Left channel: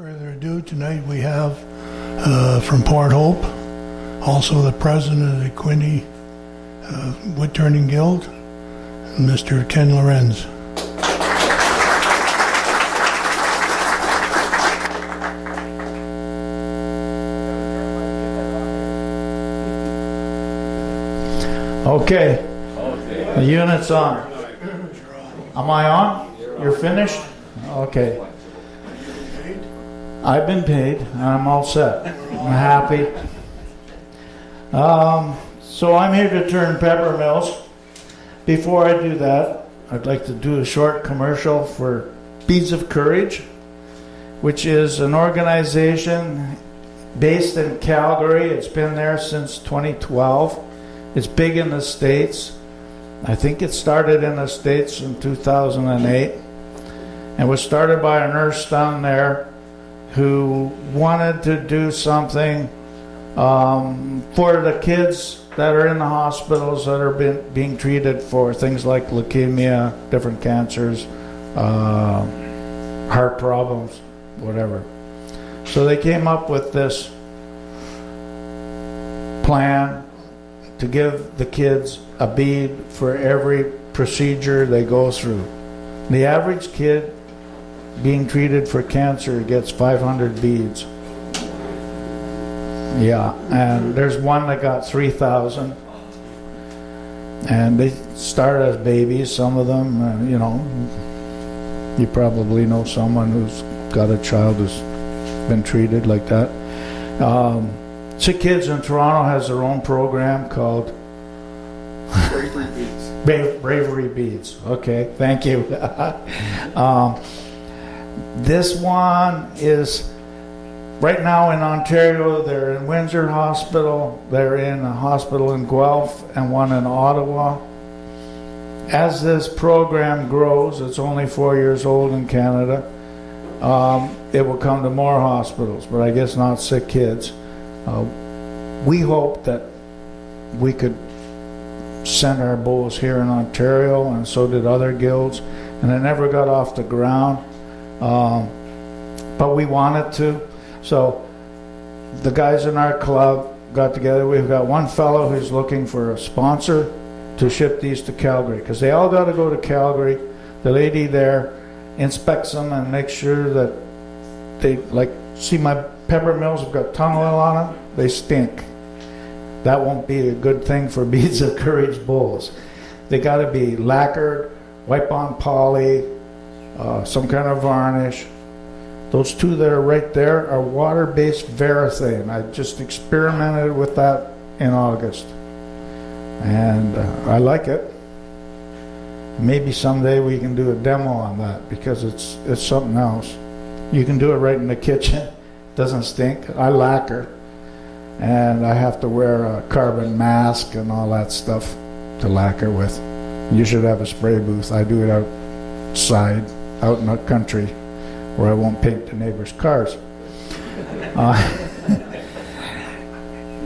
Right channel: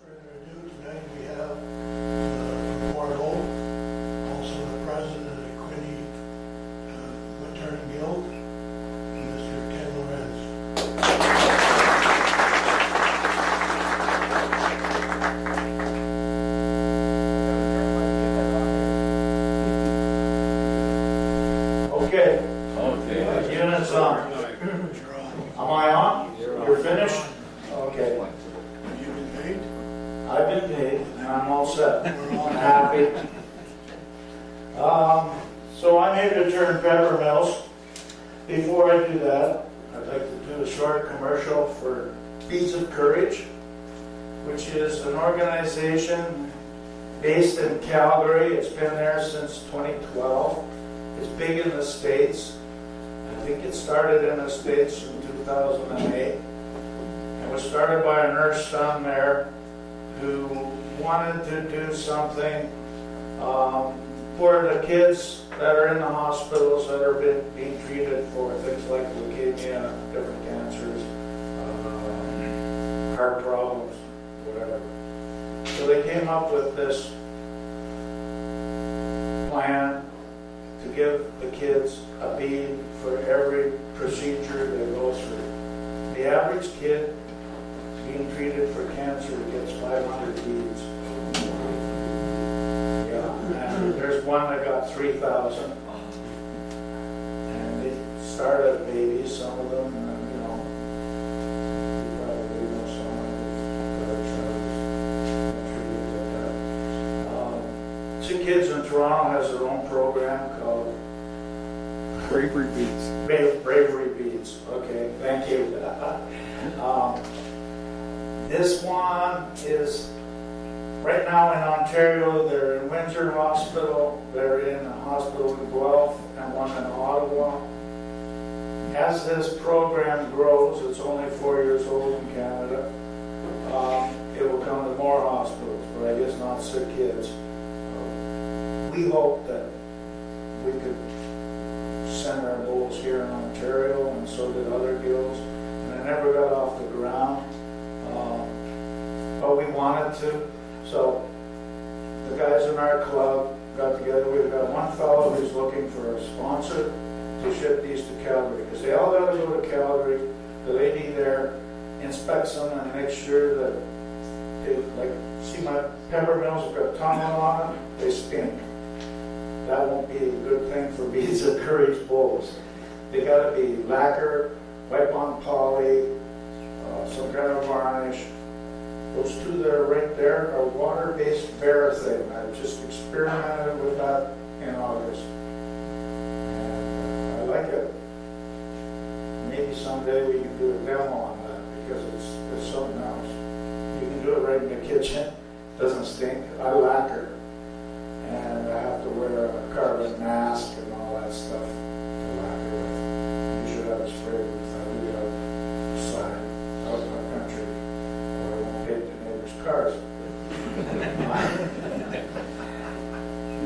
further ado, tonight we have from Port Hope, also the president of the Quinte Wood Turning Guild, Mr. Ken Lorenz. Okay, the unit's on. Am I on? You're finished? Okay. I've been paid and I'm all set. I'm happy. So I'm here to turn Peppermills. Before I do that, I'd like to do a short commercial for Beads of Courage, which is an organization based in Calgary. It's been there since 2012. It's big in the States. I think it started in the States in 2008 and was started by a nurse down there who wanted to do something for the kids that are in the hospitals that are being treated for things like leukemia, different cancers, heart problems, whatever. So they came up with this plan to give the kids a bead for every procedure they go through. The average kid being treated for cancer gets 500 beads. Yeah, and there's one that got 3,000. And they start as babies, some of them, you know. You probably know someone who's got a child who's been treated like that. Sick Kids in Toronto has their own program called Bravery Beads. Bravery Beads. Okay, thank you. This one is right now in Ontario. They're in Windsor Hospital. They're in a hospital in Guelph and one in Ottawa. As this program grows, it's only 4 years old in Canada. It will come to more hospitals, but I guess not Sick Kids. We hope that we could send our bowls here in Ontario, and so did other guilds, and it never got off the ground. But we wanted to. So the guys in our club got together. We've got one fellow who's looking for a sponsor to ship these to Calgary, because they all got to go to Calgary. The lady there inspects them and makes sure that they, like, see my Peppermills have got tunneling on it, they stink. That won't be a good thing for Beads of Courage bowls. They got to be lacquer, wipe-on poly, some kind of varnish. Those two that are right there are water-based Varathane. I just experimented with that in August, and I like it. Maybe someday we can do a demo on that, because it's something else. You can do it right in the kitchen. Doesn't stink. I lacquer, and I have to wear a carbon mask and all that stuff to lacquer with. You should have a spray booth. I do it outside, out in the country, where I won't paint the neighbors' cars.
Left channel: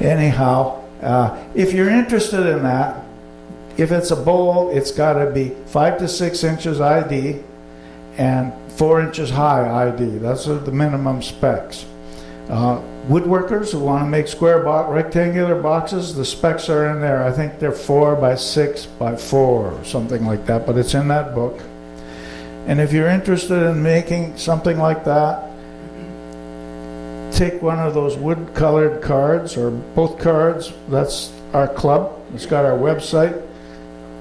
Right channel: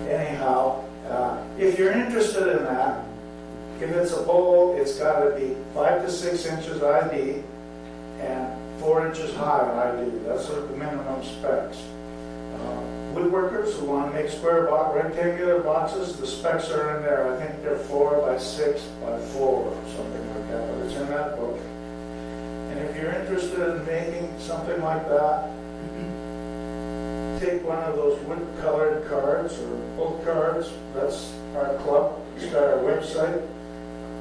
Anyhow, if you're interested in that, if it's a bowl, it's got to be 5 to 6 inches ID and 4 inches high ID. That's the minimum specs. Woodworkers who want to make square rectangular boxes, the specs are in there. I think they're 4 by 6 by 4 or something like that, but it's in that book. And if you're interested in making something like that, take one of those wood-colored cards, or both cards. That's our club. It's got our website.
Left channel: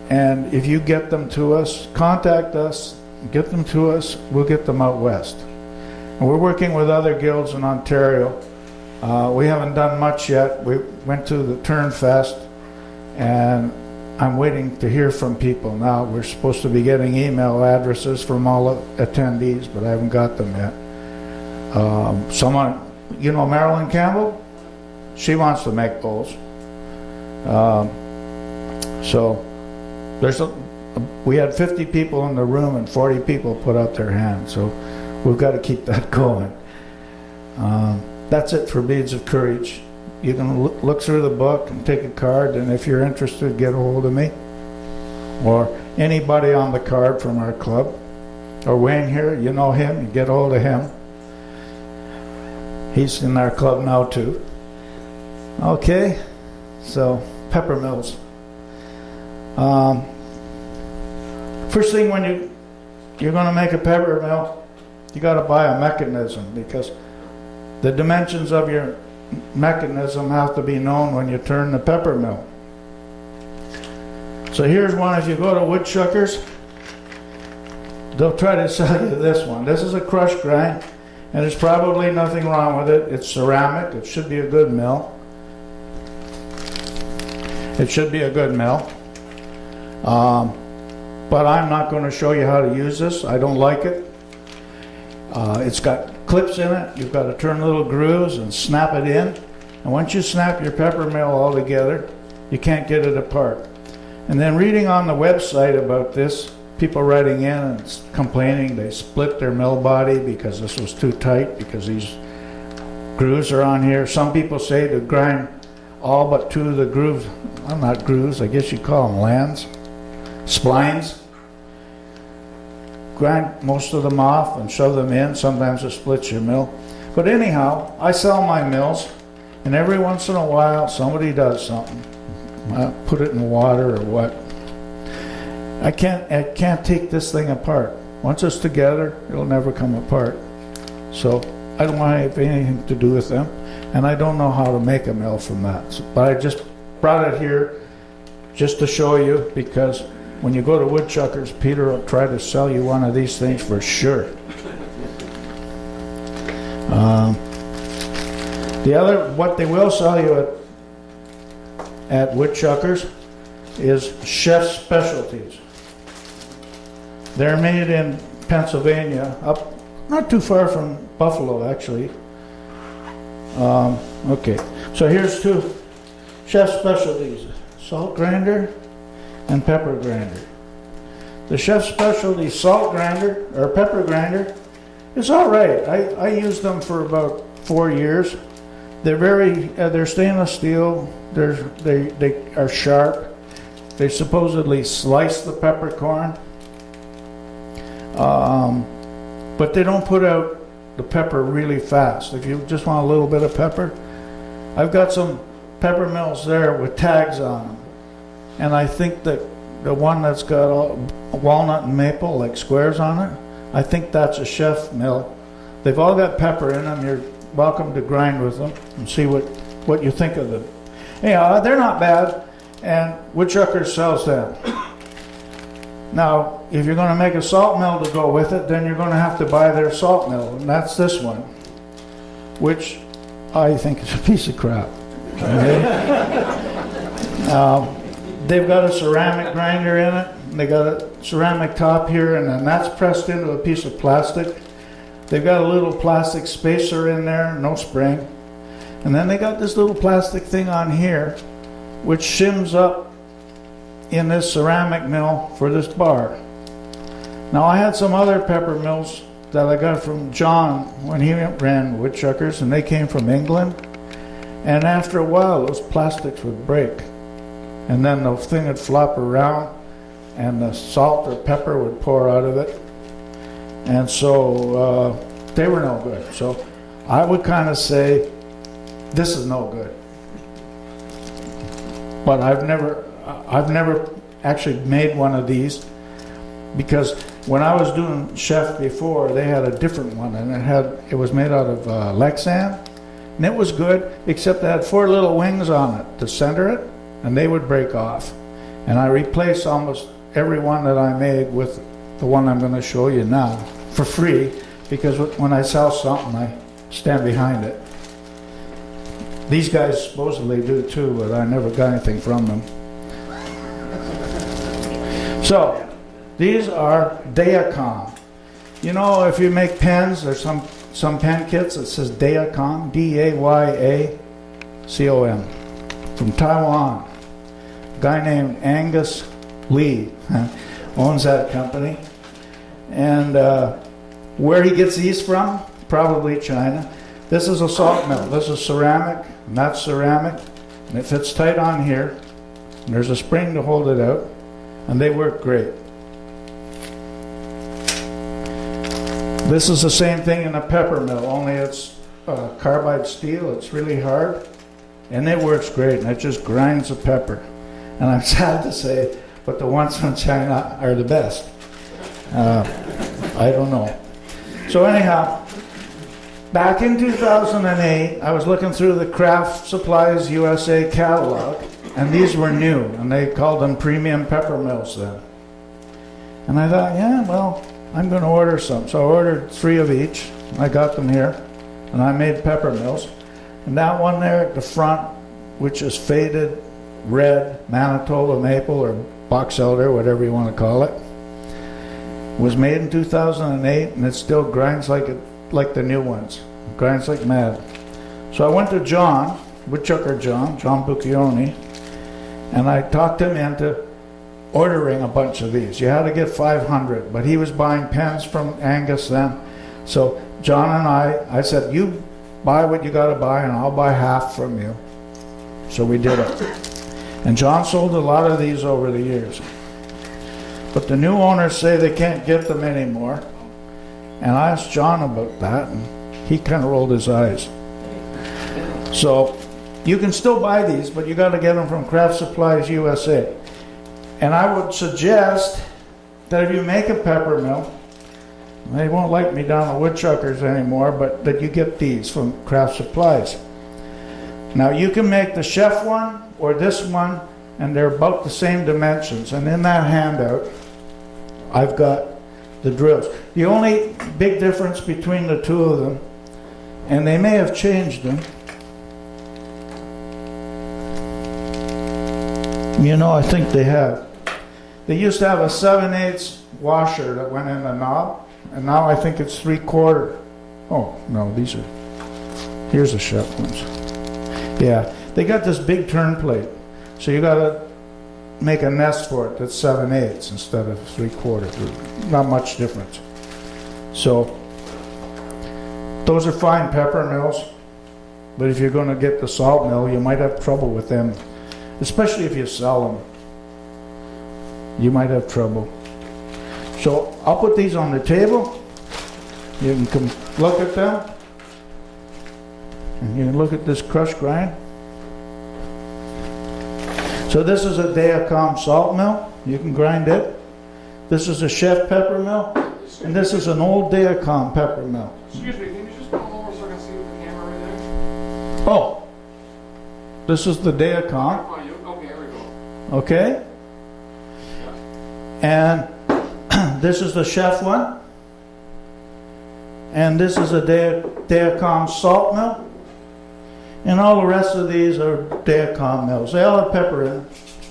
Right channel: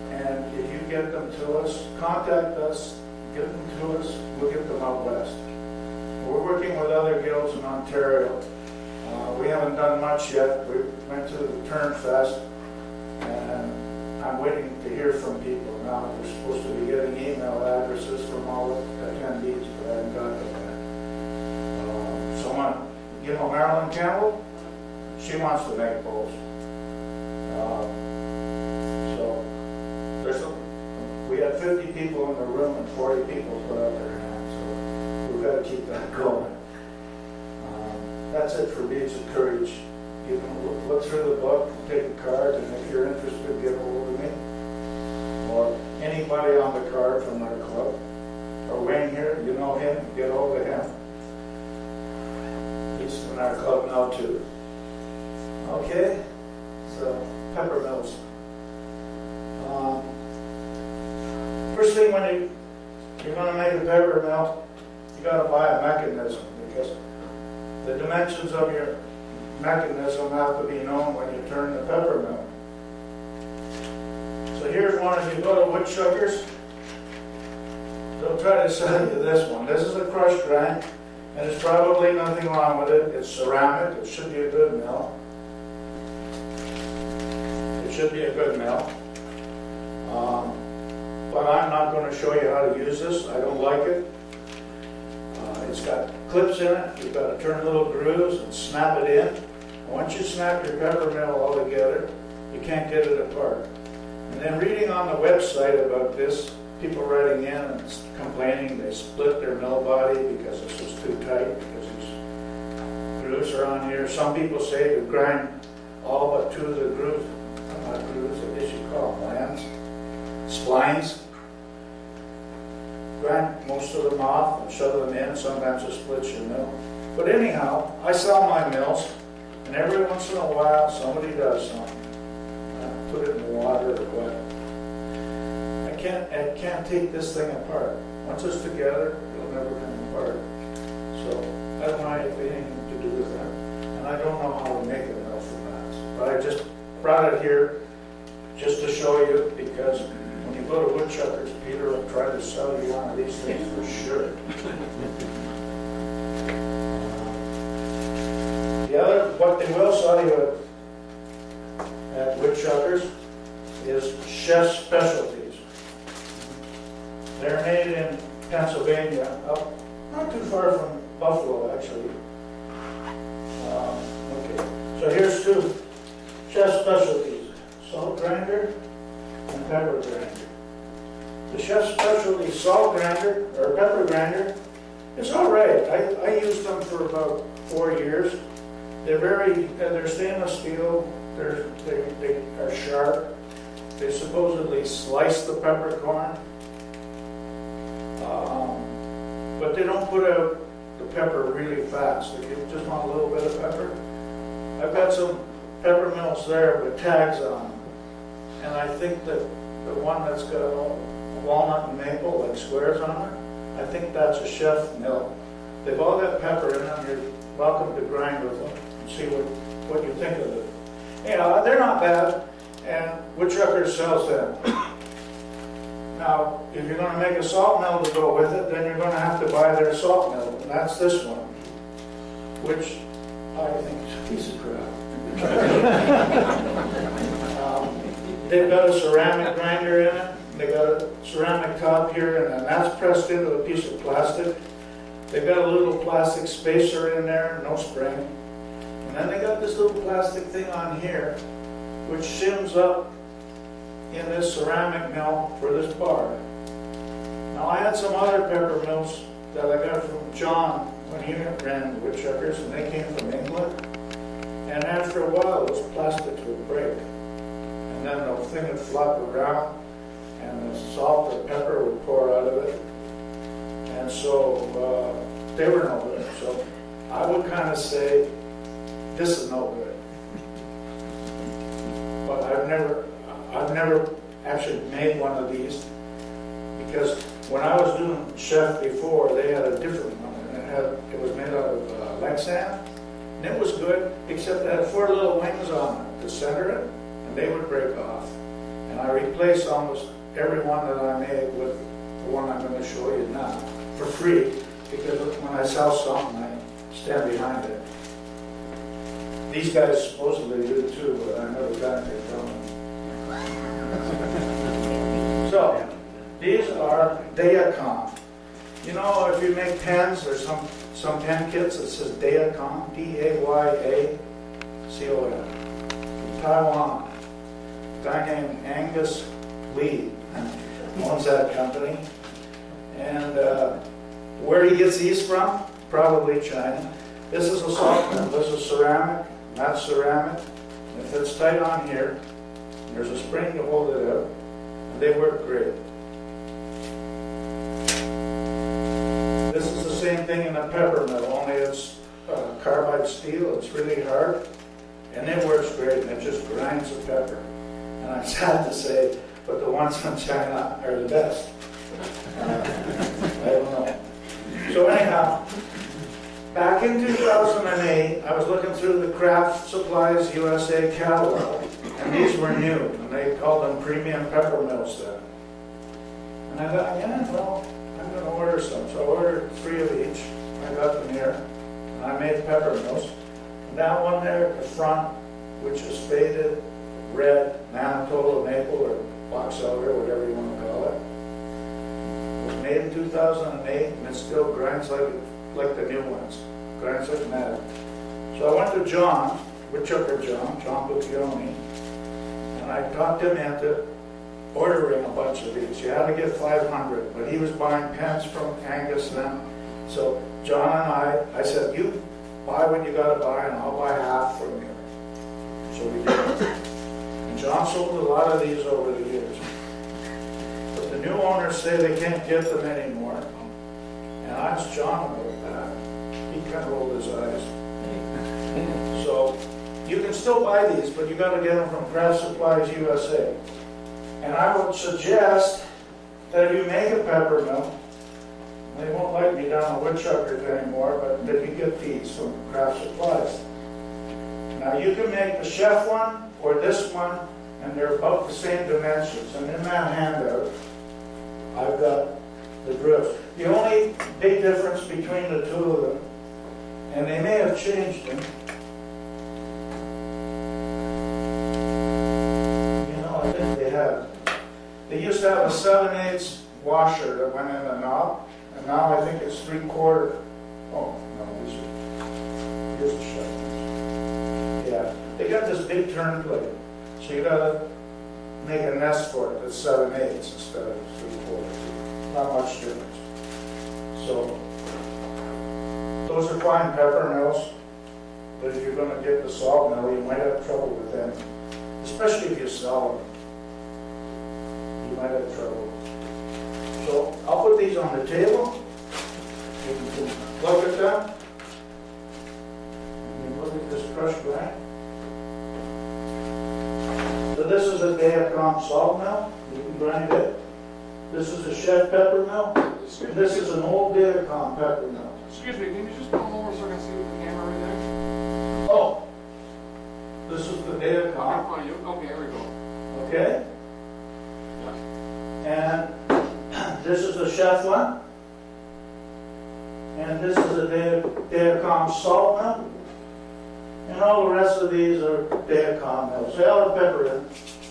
And if you get them to us, contact us, get them to us, we'll get them out west. And we're working with other guilds in Ontario. We haven't done much yet. We went to the Turn Fest, and I'm waiting to hear from people now. We're supposed to be getting email addresses from all attendees, but I haven't got them yet. Someone, you know Marilyn Campbell? She wants to make bowls. So we had 50 people in the room and 40 people put up their hands. So we've got to keep that going. That's it for Beads of Courage. You can look through the book and take a card, and if you're interested, get a hold of me. Or anybody on the card from our club. Or Wayne here, you know him, get a hold of him. He's in our club now too. Okay, so Peppermills. First thing when you're going to make a peppermill, you got to buy a mechanism, because the dimensions of your mechanism have to be known when you turn the peppermill. So here's one. If you go to woodchuckers, they'll try to sell you this one. This is a crush grind, and there's probably nothing wrong with it. It's ceramic. It should be a good mill. It should be a good mill. But I'm not going to show you how to use this. I don't like it. It's got clips in it. You've got to turn little grooves and snap it in. And once you snap your peppermill all together, you can't get it apart. And then reading on the website about this, people writing in and complaining they split their mill body because this was too tight, because these grooves are on here. Some people say to grind all but two of the grooves. Well, not grooves, I guess you call them lands. Splines. Grind most of them off and shove them in. Sometimes it splits your mill. But anyhow, I sell my mills, and every once in a while somebody does something. I put it in water or what. I can't take this thing apart. Once it's together, it'll never come apart. So I don't want to have anything to do with them, and I don't know how to make a mill from that. But I just brought it here just to show you, because when you go to woodchuckers, Peter will try to sell you one of these things for sure. What they will sell you at woodchuckers is chef's specialties. They're made in Pennsylvania, up not too far from Buffalo, actually. Okay, so here's two chef's specialties: salt grinder and pepper grinder. The chef's specialty salt grinder or pepper grinder is all right. I used them for about 4 years. They're stainless steel. They are sharp. They supposedly slice the peppercorn, but they don't put out the pepper really fast. If you just want a little bit of pepper, I've got some pepper mills there with tags on them, and I think that the one that's got walnut and maple like squares on it, I think that's a chef mill. They've all got pepper in them. You're welcome to grind with them and see what you think of them. Anyhow, they're not bad, and woodchuckers sells them. Now, if you're going to make a salt mill to go with it, then you're going to have to buy their salt mill, and that's this one, which I think is a piece of crap. They've got a ceramic grinder in it. They got a ceramic top here, and then that's pressed into a piece of plastic. They've got a little plastic spacer in there, no spring. And then they got this little plastic thing on here, which shims up in this ceramic mill for this bar. Now, I had some other pepper mills that I got from John when he ran woodchuckers, and they came from England. And after a while, those plastics would break. And then the thing would flop around, and the salt or pepper would pour out of it. And so they were no good. So I would kind of say, this is no good. But I've never actually made one of these, because when I was doing chef before, they had a different one, and it was made out of Lexan, and it was good, except it had 4 little wings on it to center it, and they would break off. And I replaced almost every one that I made with the one I'm going to show you now for free, because when I sell something, I stand behind it. These guys supposedly do too, but I never got anything from them. So, these are Dayacom. You know, if you make pens, there's some pen kits that says Dayacom, Dayacom, from Taiwan. A guy named Angus Lee owns that company. And where he gets these from? Probably China. This is a salt mill. This is ceramic, and that's ceramic. And it fits tight on here. And there's a spring to hold it out. And they work great. This is the same thing in a pepper mill, only it's carbide steel. It's really hard, and it works great, and it just grinds the pepper. And I'm sad to say, but the ones from China are the best. I don't know. So anyhow, back in 2008, I was looking through the Craft Supplies USA catalog, and these were new, and they called them premium Peppermills then. And I thought, yeah, well, I'm going to order some. So I ordered 3 of each. I got them here, and I made Peppermills. And that one there at the front, which is faded red Manitoba maple or box elder, whatever you want to call it, was made in 2008, and it still grinds like the new ones. It grinds like mad. So I went to John, Woodchucker John Bucchione, and I talked him into ordering a bunch of these. You had to get 500, but he was buying pens from Angus then. So John and I said, you buy what you got to buy, and I'll buy half from you. So we did it. And John sold a lot of these over the years. But the new owners say they can't get them anymore. And I asked John about that, and he kind of rolled his eyes. So you can still buy these, but you got to get them from Craft Supplies USA. And I would suggest that if you make a peppermill, they won't like me down at Woodchuckers anymore, but that you get these from Craft Supplies. Now you can make the chef one or this one, and they're about the same dimensions. And in that handout, I've got the drills. The only big difference between the two of them, and they may have changed them, I think they have. They used to have a 7/8 washer that went in the knob, and now I think it's 3/4. Oh, no, here's the chef ones. Yeah, they got this big turn plate, so you gotta make a nest for it that's 7/8 instead of 3/4. Not much difference. So those are fine peppermills, but if you're going to get the salt mill, you might have trouble with them, especially if you sell them. You might have trouble. So I'll put these on the table. You can look at them. You can look at this crushed grind. So this is a Dayacom salt mill. You can grind it. This is a Chef pepper mill, and this is an old Dayacom pepper mill. Excuse me, can you just come over so I can see with the camera right there? Oh, this is the Dayacom. Okay, here we go. Okay. And this is the Chef one. And this is a Dayacom salt mill. And all the rest of these are Dayacom mills. They all have pepper in.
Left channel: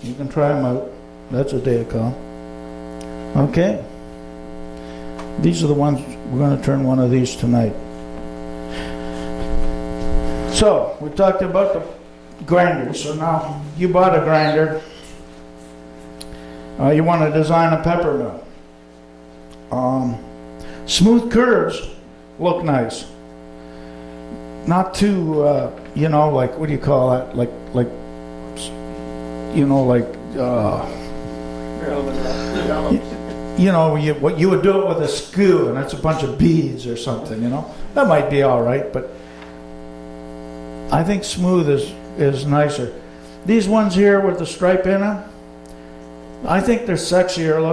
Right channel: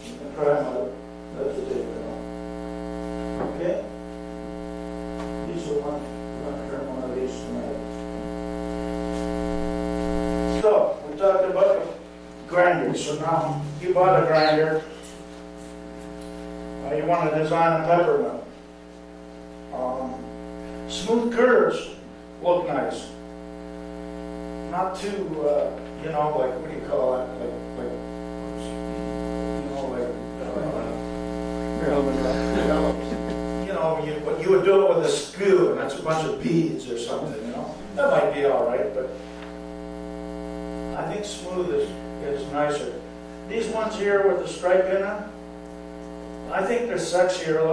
You can try them out. That's a Dayacom. Okay. These are the ones, we're going to turn one of these tonight. So, we talked about the grinders. So now, you bought a grinder. You want to design a pepper mill. Smooth curves look nice. Not too, like, what do you call it? Like, what you would do it with a skew, and that's a bunch of beads or something, That might be all right, but I think smooth is nicer. These ones here with the stripe in them, I think they're sexier